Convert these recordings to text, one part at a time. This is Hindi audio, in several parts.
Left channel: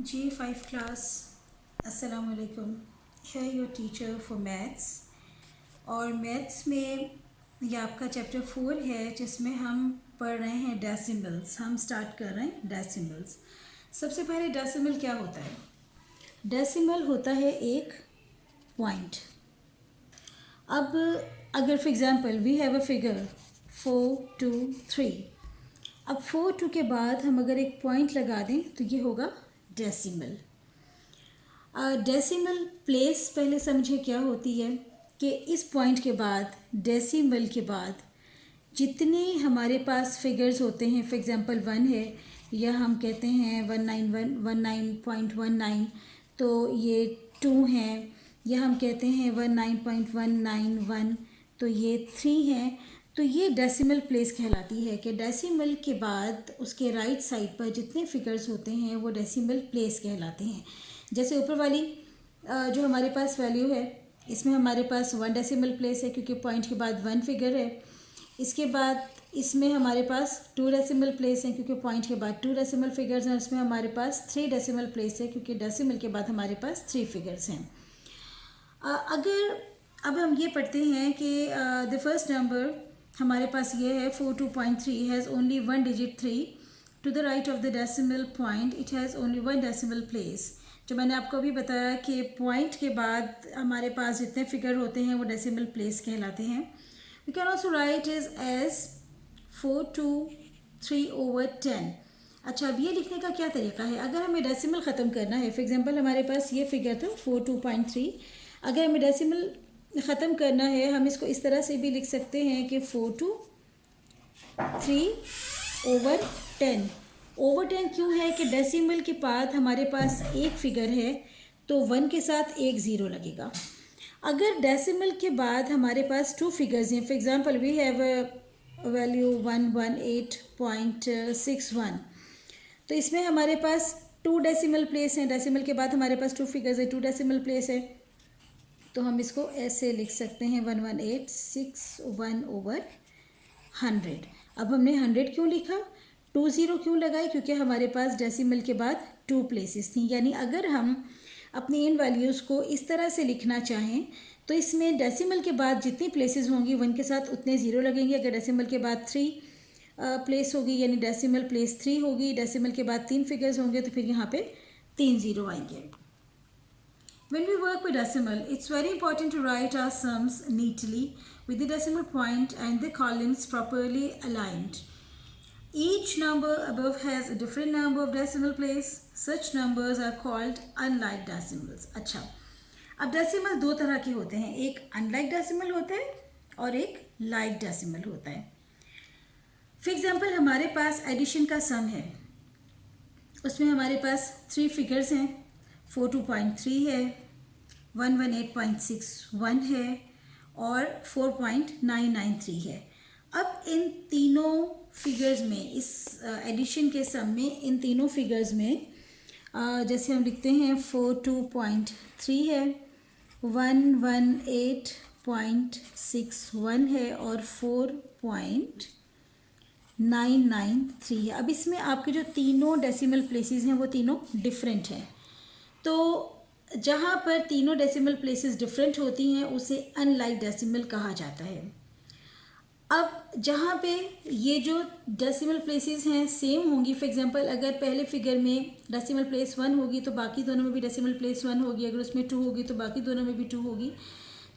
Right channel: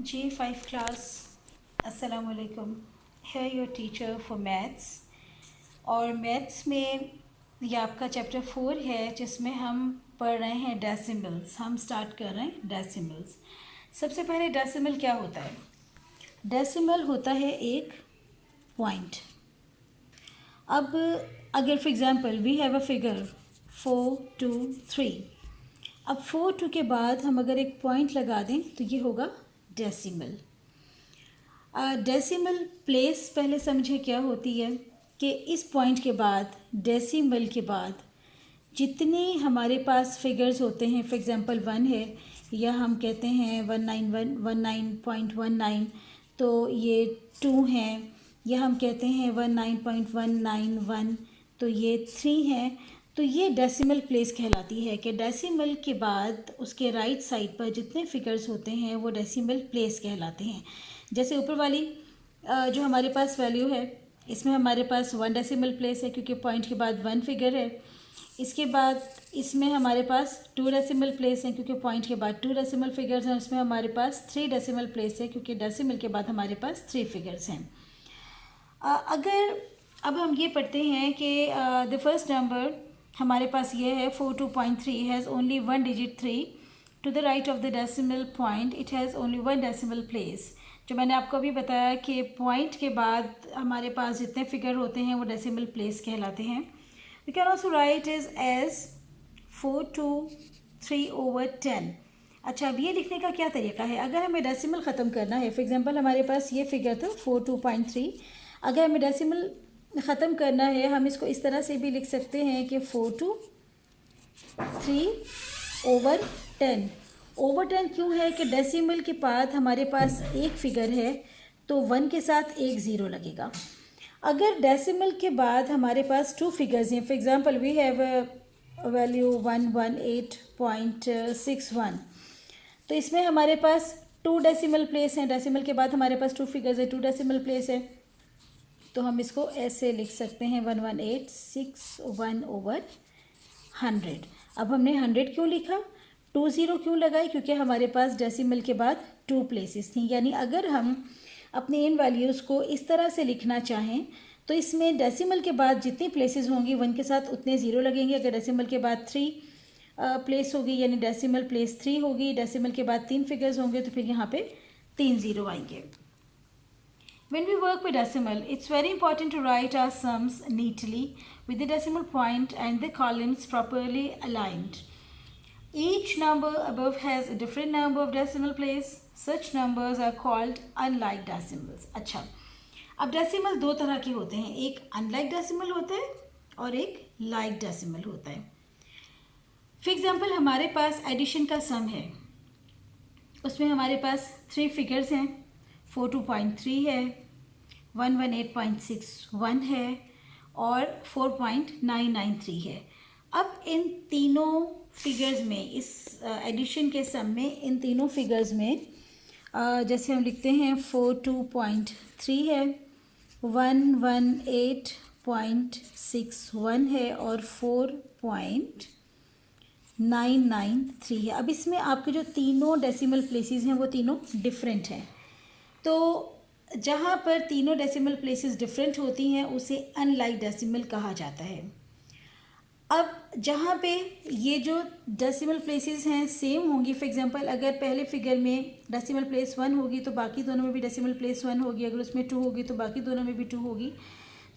G5 class, अस्सलाम वालेकुम। है योर टीचर फॉर मैथ्स। और मैथ्स में ये आपका चैप्टर 4 है जिसमें हम पढ़ रहे हैं डेसिमल्स। हम स्टार्ट कर रहे हैं डेसिमल्स। सबसे पहले डेसिमल क्या होता है? डेसिमल होता है एक पॉइंट। अब अगर for example we have a figure 423, अब 4 के बाद हम अगर एक पॉइंट लगा दें तो ये होगा डेसिमल। डेसिमल प्लेस पहले समझे क्या होती है कि इस पॉइंट के बाद डेसिमल के बाद जितने हमारे पास फिगर्स होते हैं, फॉर एग्जांपल 1 है या हम कहते हैं 19.19, तो ये 2 हैं, या हम कहते हैं 19.191, तो ये 3 हैं। तो ये डेसिमल प्लेस कहलाती है कि डेसिमल के बाद उसके राइट साइड पर जितने फिगर्स होते हैं वो डेसिमल प्लेस कहलाते हैं। जैसे ऊपर वाली जो हमारे पास वैल्यू है, इसमें हमारे पास 1 डेसिमल प्लेस है क्योंकि पॉइंट के बाद 1 फिगर है। इसके बाद इसमें हमारे पास 2 डेसिमल प्लेस हैं क्योंकि पॉइंट के बाद 2 डेसिमल फिगर्स हैं। इसमें हमारे पास 3 डेसिमल प्लेस है क्योंकि डेसिमल के बाद हमारे पास 3 फिगर्स हैं। अगर अब हम ये पढ़ते हैं कि द फर्स्ट नंबर हमारे पास ये है 42.3 has only 1 digit 3 to the right of the decimal point, it has only 1 decimal place. जो मैंने आपको अभी बताया कि पॉइंट के बाद हमारे पास जितने फिगर होते हैं वो डेसिमल प्लेस कहलाते हैं। We can also write is as 423/10। अच्छा, अब ये लिखने का क्या तरीका है? अगर हमें डेसिमल ख़त्म करना है, फॉर एग्जांपल हमारे पास ये फिगर था 42.3, अगर हमें डेसिमल ख़त्म करना है हम इसको इस तरह से भी लिख सकते हैं कि 423/10। ओवर 10 क्यों है कि डेसिमल के बाद हमारे पास एक फिगर है तो 1 के साथ एक ज़ीरो लगेगा। अगर डेसिमल के बाद हमारे पास 2 फिगर्स हैं, for example we have value 118.61, तो इसमें हमारे पास 2 डेसिमल प्लेस हैं। डेसिमल के बाद हमारे पास 2 फिगर्स हैं, 2 डेसिमल प्लेस है, तो हम इसको ऐसे लिख सकते हैं 11861/100। अब हमने 100 क्यों लिखा, 20 क्यों लगाए? क्योंकि हमारे पास डेसिमल के बाद 2 प्लेसेस थी। यानी अगर हम अपने इन वैल्यूज़ को इस तरह से लिखना चाहें तो इसमें डेसिमल के बाद जितनी प्लेसेस होंगी 1 के साथ उतने ज़ीरो लगेंगे। अगर डेसिमल के बाद 3 प्लेस होगी यानी डेसिमल प्लेस 3 होगी, डेसिमल के बाद 3 फिगर्स होंगे तो फिर यहाँ पे 3 ज़ीरो आएंगे। When we work with decimal, it's very important to write our sums neatly with the decimal point and the columns properly aligned. Each number above has a different number of decimal place. Such numbers are called unlike decimals. अच्छा, अब डेसिमल दो तरह के होते हैं, एक अनलाइक डेसिमल होता है और एक लाइक डेसिमल होता है। फॉर एग्जाम्पल हमारे पास एडिशन का सम है, उसमें हमारे पास 3 फिगर्स हैं, 42.3 है, 118.61 है और 4.993 है। अब इन तीनों फिगर्स में, इस एडिशन के सम में इन तीनों फिगर्स में जैसे हम लिखते हैं 42.3 है, 118.61 है और 4.993 है। अब इसमें आपके जो तीनों डेसिमल प्लेसेस हैं वो तीनों डिफरेंट हैं। तो जहाँ पर तीनों डेसिमल प्लेसेस डिफरेंट होती हैं उसे अनलाइक डेसिमल कहा जाता है। अब जहाँ पे ये जो डेसिमल प्लेसेस हैं सेम होंगी, फॉर एग्जांपल अगर पहले फिगर में डेसिमल प्लेस 1 होगी तो बाकी दोनों में भी डेसिमल प्लेस 1 होगी, अगर उसमें 2 होगी तो बाकी दोनों में भी 2 होगी,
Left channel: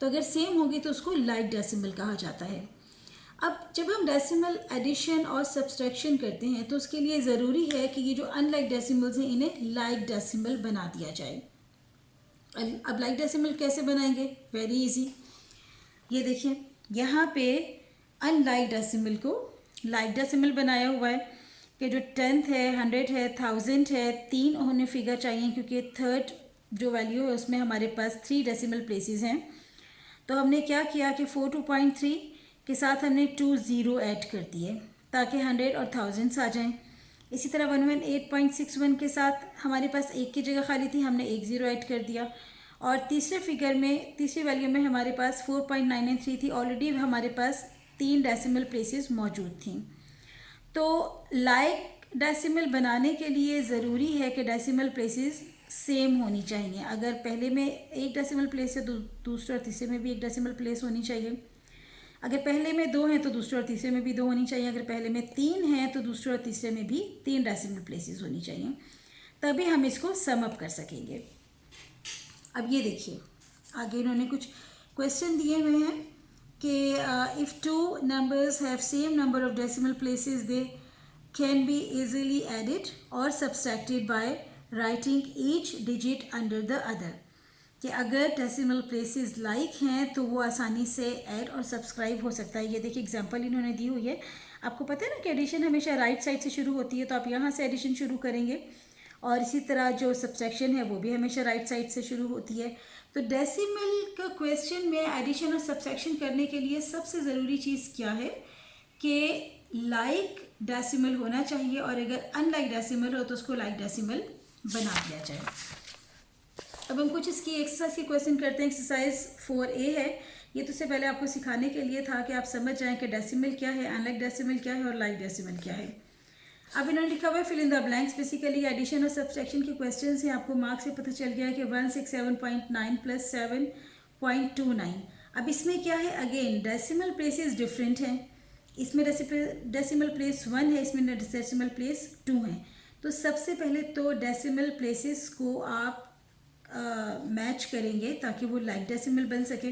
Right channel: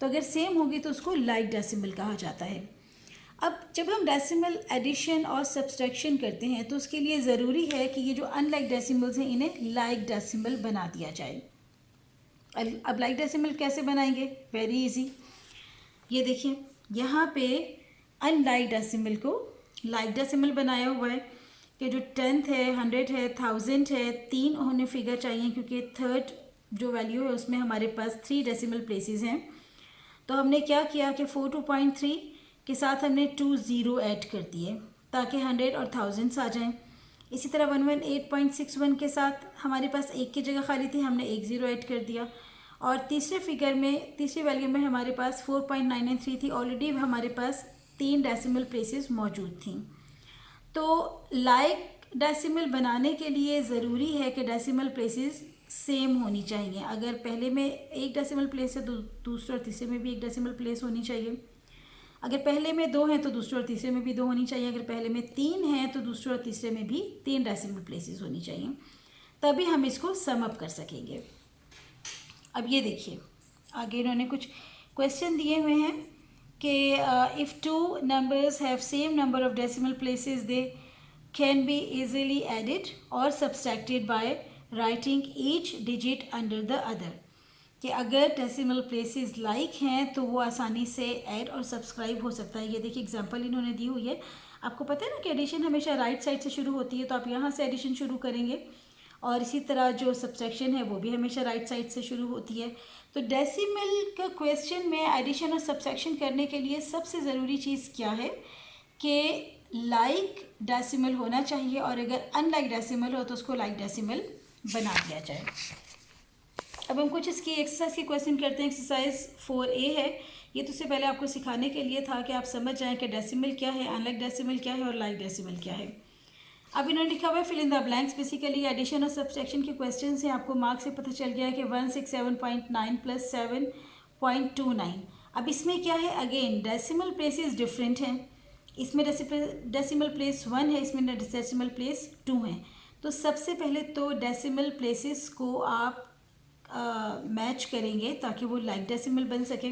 तो अगर सेम होगी तो उसको लाइक डेसिमल कहा जाता है। अब जब हम डेसिमल एडिशन और सब्सट्रैक्शन करते हैं तो उसके लिए ज़रूरी है कि ये जो अनलाइक डेसिमल्स हैं इन्हें लाइक डेसिमल बना दिया जाए। अब लाइक डेसिमल कैसे बनाएंगे? Very easy. ये देखिए यहाँ पे अनलाइक डेसिमल को लाइक डेसिमल बनाया हुआ है कि जो 10th है, 100 है, 1000 है, 3 उन्हें फिगर चाहिए क्योंकि थर्ड जो वैल्यू है उसमें हमारे पास 3 डेसिमल प्लेसेस हैं। तो हमने क्या किया कि 42.3 के साथ हमने 2 ज़ीरो ऐड कर दिए ताकि 100 और 1000 आ जाएं। इसी तरह 118.61 के साथ हमारे पास एक की जगह खाली थी, हमने 1 ज़ीरो ऐड कर दिया। और तीसरे फिगर में, तीसरी वैल्यू में हमारे पास 4.993 थी, ऑलरेडी हमारे पास 3 डेसिमल प्लेसेस मौजूद थी। तो लाइक डेसिमल बनाने के लिए ज़रूरी है कि डेसिमल प्लेसेस सेम होनी चाहिए। अगर पहले में एक डेसिमल प्लेस है तो दूसरे और तीसरे में भी एक डेसिमल प्लेस होनी चाहिए। अगर पहले में 2 हैं तो दूसरे और तीसरे में भी 2 होनी चाहिए। अगर पहले में 3 हैं तो दूसरे और तीसरे में भी 3 डेसिमल प्लेसेस होनी चाहिए, तभी हम इसको सम अप कर सकेंगे। अब ये देखिए आगे इन्होंने कुछ क्वेश्चन दिए हुए हैं कि if 2 numbers have same number of decimal places they can be easily added और subtracted by writing each digit under the other, कि अगर डेसिमल प्लेसेस लाइक हैं तो वो आसानी से ऐड और सब्सक्राइब हो सकता है। ये देखिए एग्जांपल इन्होंने दी हुई है। आपको पता है ना कि एडिशन हमेशा राइट साइड से शुरू होती है, तो आप यहाँ से एडिशन शुरू करेंगे और इसी तरह जो सब्सट्रैक्शन है वो भी हमेशा राइट साइड से शुरू होती है। तो डेसिमल का क्वेश्चन में एडिशन और सब्सट्रैक्शन करने के लिए सबसे ज़रूरी चीज़ क्या है कि लाइक डेसिमल होना चाहिए, और अगर अनलाइक डेसिमल हो तो उसको लाइक डेसिमल बना दिया जाए। अब हम कुछ इसकी एक्सरसाइज के क्वेश्चन करते हैं। एक्सरसाइज 4A है। ये तो उससे पहले आपको सिखाने के लिए था कि आप समझ जाएं कि डेसिमल क्या है, अनलाइक डेसिमल क्या है और लाइक डेसिमल क्या है। अब इन्होंने लिखा हुआ है fill in the blanks. Basically addition और सब्सट्रैक्शन के क्वेश्चन हैं। आपको मार्क्स से पता चल गया है कि 167.9 प्लस 7.29। अब इसमें क्या है, अगेन डेसिमल प्लेसेस डिफरेंट हैं। इसमें डेसिमल प्लेस 1 है, इसमें डेसिमल प्लेस 2 है। तो सबसे पहले तो डेसिमल प्लेसेस को आप मैच करेंगे ताकि वो लाइक डेसिमल बन सके।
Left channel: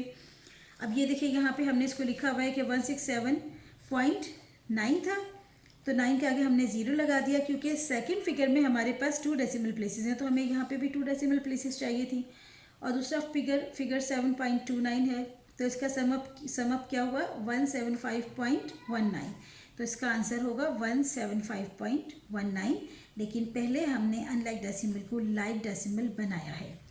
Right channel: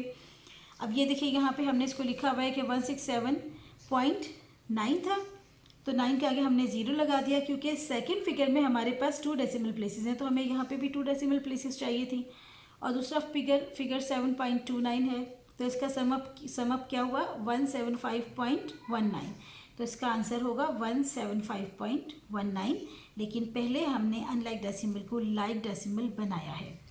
अब ये देखिए यहाँ पे हमने इसको लिखा हुआ है कि 167.9 था, तो 9 के आगे हमने 0 लगा दिया क्योंकि सेकंड फिगर में हमारे पास 2 डेसिमल प्लेसेस हैं, तो हमें यहाँ पे भी 2 डेसिमल प्लेसेस चाहिए थी। और दूसरा फिगर 7.29 है, तो इसका समअप क्या हुआ 175.19, तो इसका आंसर होगा 175.19। लेकिन पहले हमने अनलाइक डेसिमल को लाइक डेसिमल बनाया है।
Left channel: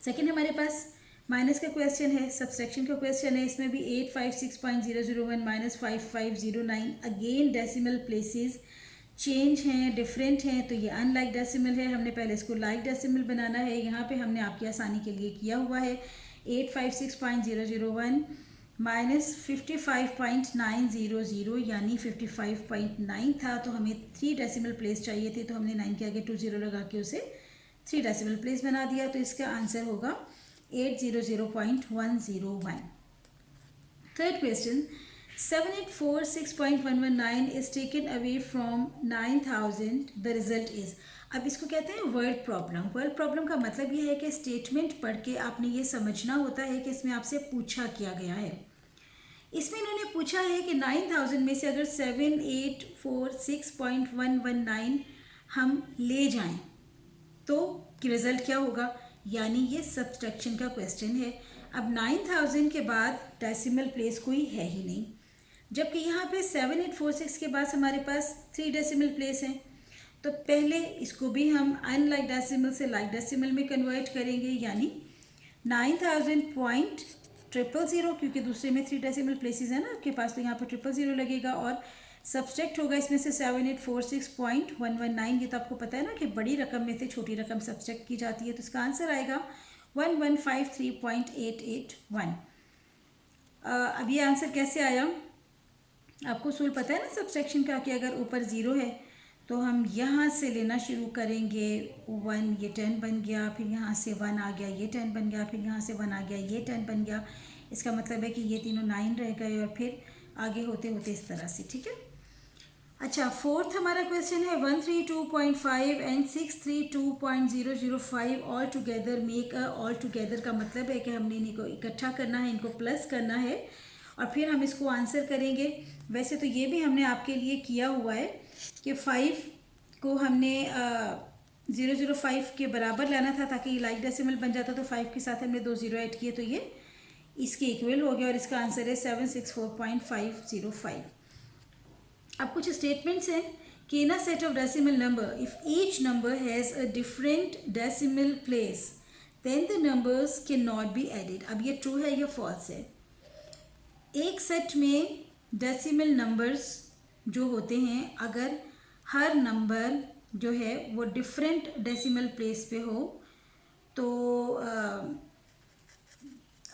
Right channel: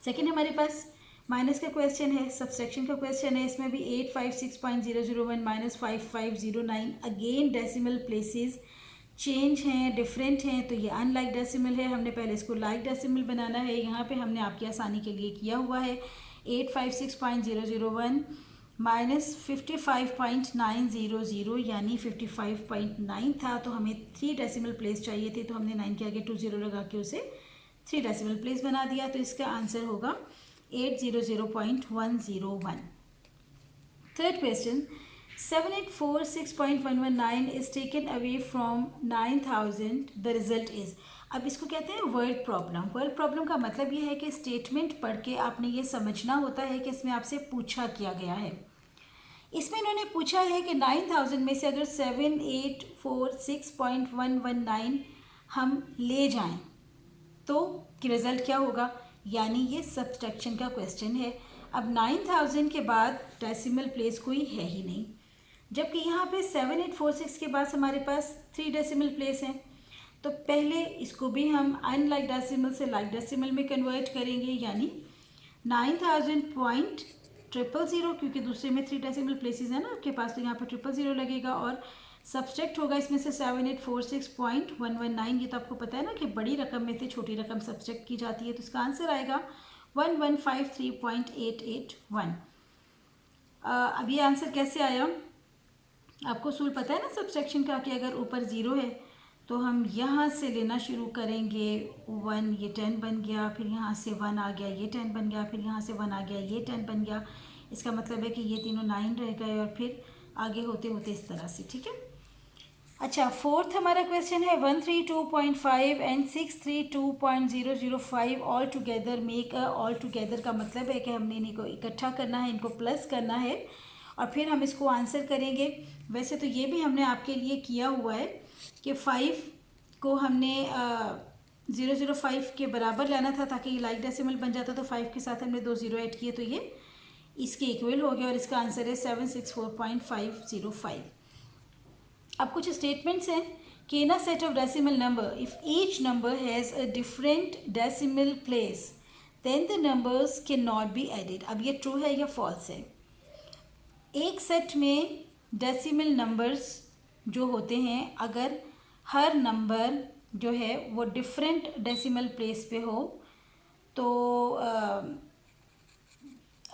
सेकेंड हमारे पास माइनस का क्वेश्चन है, सब्सट्रैक्शन का क्वेश्चन है। इसमें भी 856.001 minus 5509। Again decimal places change हैं, डिफरेंट हैं, तो ये अनलाइक डेसिमल है। हमने पहले इसको लाइक डेसिमल बनाना है। यहाँ पे हमने आपकी आसानी के लिए किया हुआ है 856.001 माइनस 55.900 यानी 55.9 था, तो हमें 3 डेसिमल प्लेस चाहिए थे, तो हमने 9 के आगे 2 0 लगा के उसे 3 डेसिमल प्लेस बना दिया। तो इसका आंसर होगा 800.101। Third question 7846.119 is taken away from 9000, the result is. अब इसको कहते हैं वर्ड प्रॉब्लम। वर्ड प्रॉब्लम का मतलब ये है कि स्टेटमेंट पढ़ के आपने ये समझना होता है कि इसमें आपसे पूछा क्या गया है। इसमें इन्होंने पूछा है कि 9000 में से अगर 7846.119 हम ले जाएं तो रिज़ल्ट क्या होगा, यानी ये सब्सट्रैक्शन का क्वेश्चन है। अब 9000 के बाद डेसिमल प्लेस कोई है ही नहीं, जबकि यहाँ पे 7846 के बाद हमारे पास 3 डेसिमल प्लेस हैं। तो पहले इसको भी हम अनलाइक डेसिमल से लाइक डेसिमल में कन्वर्ट करेंगे, यानी 9000.000, क्योंकि दूसरे में 3 डेसिमल प्लेसेस है ना आपके पास, तो यहाँ पर 000 लगेगा और सब्सट्रैक्ट होगा इसमें से 7846.119। ये तो आपको पता है ना कि बड़ी रकम में से छोटी रकम सब्सट्रैक्ट की जाती है, तो इसका आंसर आएगा 1153.881। अब ये आंसर कैसे आया, आपको सूल पता है ना सब्सट्रैक्शन का, कि अगर ऊपर 0 है तो हम यहाँ से लेना शुरू करेंगे 1, ये 10 बन गया, फिर यहाँ से 1 आ गया, ये 10 बन गया, फिर यहाँ से 1 आ गया, ये 10 बन गया। इसका मतलब है कि ये तीनों 9 रह गए और फिर आगे होते होते इस तरह से, ठीक है। अच्छा, फोर्थ हमारा क्वेश्चन है 132.5 and 632.005 all together make a. All together का मतलब है कि हमने इनको इकट्ठा करना है, इनको प्लस करना है और फिर हम इसको आंसर करेंगे। वैसे तो ये भी हमने आपके लिए किया हुआ है कि 5 को हमने 005 के बराबर लाना था ताकि लाइक डेसिमल बन जाता, तो 5 के साथ हमने 2 0 ऐड किए तो ये इसके इक्वल हो गया और इसका आंसर है 764.505। अब कुछ स्टेटमेंट्स हैं कि in a set of decimal number if each number has a different decimal place then the numbers can not be added. अब ये ट्रू है या फॉल्स है। एक सेट में डेसिमल नंबर्स जो होते हैं, अगर हर नंबर जो है वो डिफरेंट डेसिमल प्लेस पे हो तो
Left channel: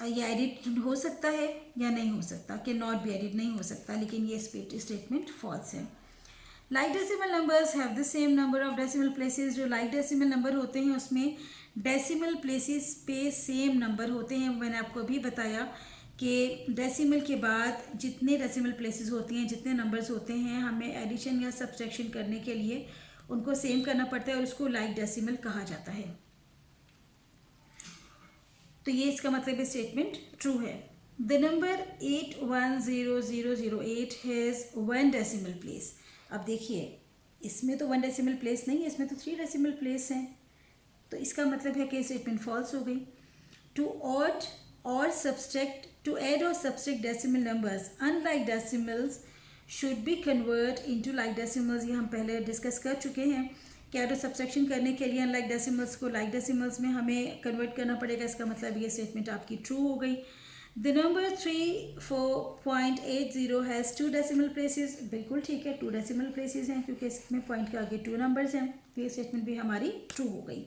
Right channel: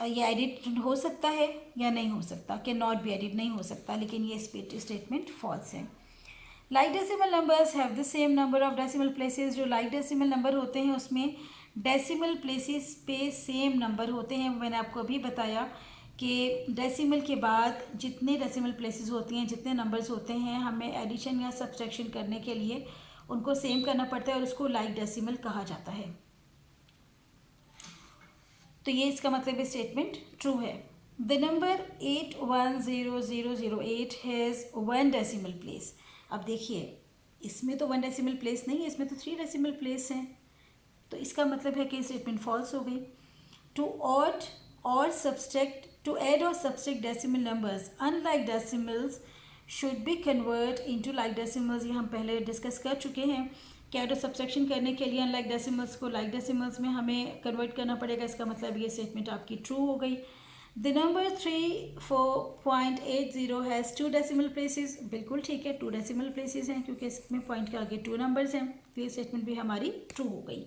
ये एडिट हो सकता है या नहीं हो सकता, कि नॉट बी एडिट नहीं हो सकता, लेकिन ये स्टेटमेंट फॉल्स है। Like decimal numbers have the same number of decimal places. जो लाइक डेसिमल नंबर होते हैं उसमें डेसिमल प्लेसेस पे सेम नंबर होते हैं। मैंने आपको अभी बताया कि डेसिमल के बाद जितने डेसिमल प्लेसेस होती हैं, जितने नंबर्स होते हैं, हमें एडिशन या सब्सट्रैक्शन करने के लिए उनको सेम करना पड़ता है और उसको लाइक डेसिमल कहा जाता है। तो ये इसका मतलब ये स्टेटमेंट ट्रू है। The number 810008 has 1 decimal place. अब देखिए इसमें तो 1 डेसिमल प्लेस नहीं है, इसमें तो 3 डेसिमल प्लेस हैं, तो इसका मतलब है कि स्टेटमेंट फॉल्स हो गई। टू ऐड और subtract decimal numbers unlike decimals should be convert into like decimals. ये हम पहले डिस्कस कर चुके हैं कि ऐड और सब्सट्रैक्शन करने के लिए अनलाइक डेसिमल्स को लाइक डेसिमल्स में हमें कन्वर्ट करना पड़ेगा। इसका मतलब ये स्टेटमेंट आपकी ट्रू हो गई। The number 34.80 has 2 decimal places. बिल्कुल ठीक है, 2 डेसिमल प्लेसेस हैं क्योंकि इसमें पॉइंट के आगे 2 नंबर्स हैं, तो ये स्टेटमेंट भी हमारी ट्रू हो गई।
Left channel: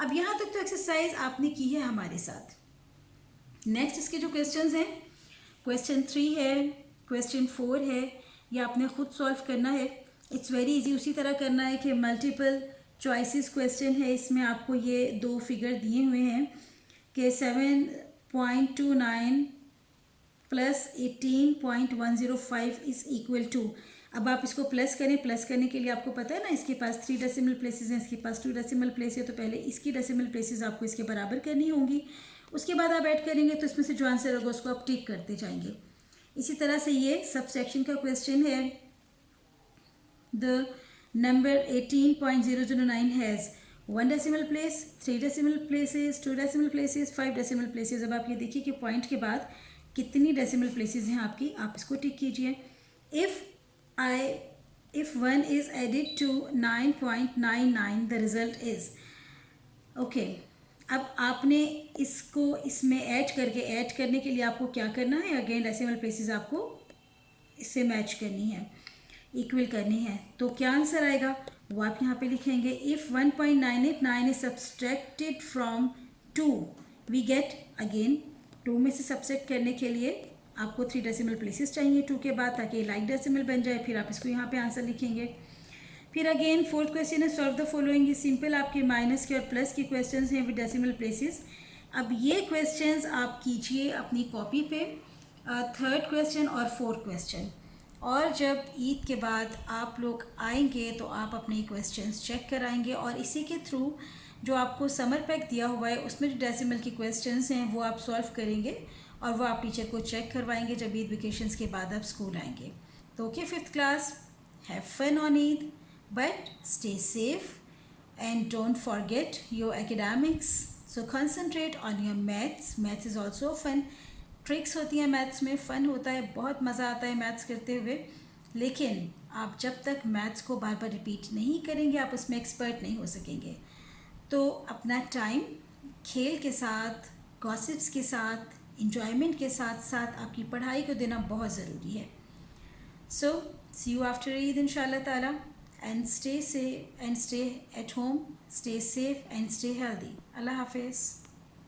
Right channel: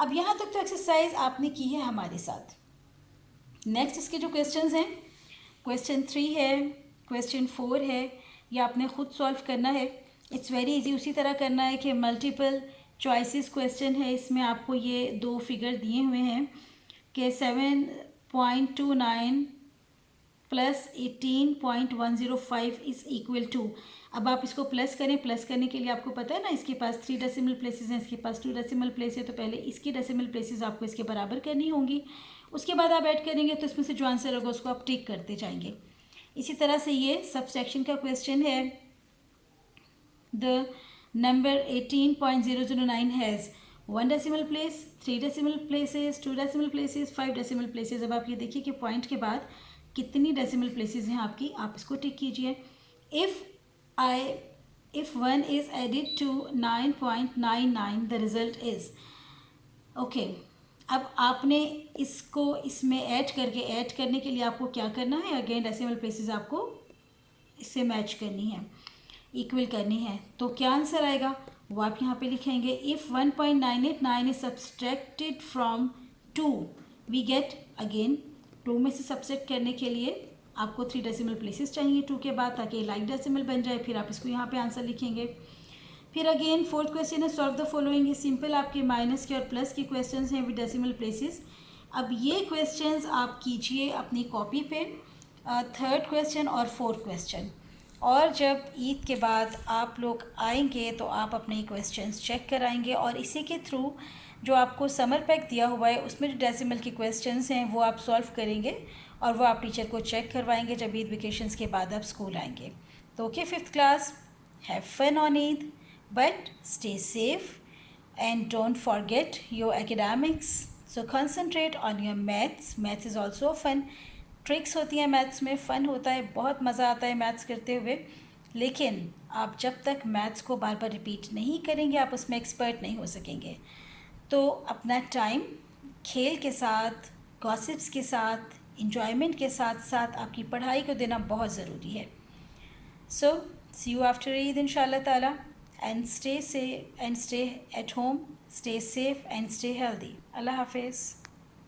अब यहाँ तक तो एक्सरसाइज आपने की है हमारे साथ। नेक्स्ट इसके जो क्वेश्चंस हैं, क्वेश्चन 3 है, क्वेश्चन 4 है, ये आपने खुद सॉल्व करना है। It's very easy. उसी तरह करना है कि मल्टीपल चॉइसेस क्वेश्चन है, इसमें आपको ये 2 फिगर दिए हुए हैं कि 7.29 प्लस 18.105 इज़ इक्वल टू। अब आप इसको प्लस करें, प्लस करने के लिए आपको पता है ना, इसके पास 3 डेसिमल प्लेसेस हैं, इसके पास 2 डेसिमल प्लेस है, तो पहले इसकी डेसिमल प्लेसेस आपको इसके बराबर करनी होंगी, उसके बाद आप ऐड करेंगे तो इसमें से जो आंसर होगा उसको आप टिक करते जाएंगे। इसी तरह से ये सबसेक्शन का क्वेश्चन है। The number 18.009 has 1 decimal place, 3 decimal places, 2 decimal places, 5 decimal places. अब आप ये देखिए कि पॉइंट के बाद कितनी डेसिमल प्लेसेस हैं आपकी, आप इसको टिक कीजिए। If 1 is added to 9.99 the result is okay. अब आपने इसको इसमें ऐड करने के लिए आपको क्या करना है, अगेन डेसिमल प्लेसेस आपको इससे मैच करनी है, इक्वल करनी है। तो क्या आंसर आएगा वो आप यहाँ पे लिखेंगे। If 1.989 is subtracted from 2 we get, again 2 में से सब्सट्रैक्ट करने के लिए आपको 3 डेसिमल प्लेसेस चाहिए 2 के बाद, ताकि लाइक डेसिमल बन जाए। फिर आप इसको यहाँ पे आंसर लिखेंगे। फिर अगेन 4th क्वेश्चन है सॉल्व द फॉलोइंग। ये सिंपल आपके माइनस के और प्लस के क्वेश्चंस हैं विद डेसिमल प्लेसेस। अब ये क्वेश्चंस आप कीजिए अपनी कॉपी पे, 3rd क्वेश्चन और 4th क्वेश्चन, और जब ईद के बाद आप लोग आएंगे तो आप अपने क्वेश्चंस चेक कराएंगे और इसी के थ्रू जो आपको समर पैक दिया हुआ है उसमें जो डेसिमल के क्वेश्चंस हैं वो आप सॉल्व करेंगे और वो आप टीचर को चेक करवाएंगे जब ईद वेकेशंस के बाद आप स्कूल आएंगे। तो okay 5th class, have fun on Eid, but stay safe and don't forget your academics. So concentrate on your maths. Maths is also fun. Tricks होती हैं मैथ्स में, फ़न होता है, बहुत मज़ा आता है मैथ्स करते हुए, लेकिन आप जब तक मैथ्स को बार बार रिपीट नहीं करेंगे आप उसमें एक्सपर्ट नहीं हो सकेंगे। तो अपना टाइम खेल के साथ, गॉसिप्स के साथ, इंजॉयमेंट के साथ साथ आपकी पढ़ाई को देना बहुत ज़रूरी है। सो सी यू आफ्टर ईद इंशाल्लाह ताला, and stay safe and stay at home, stay safe and stay healthy. Allah Hafiz.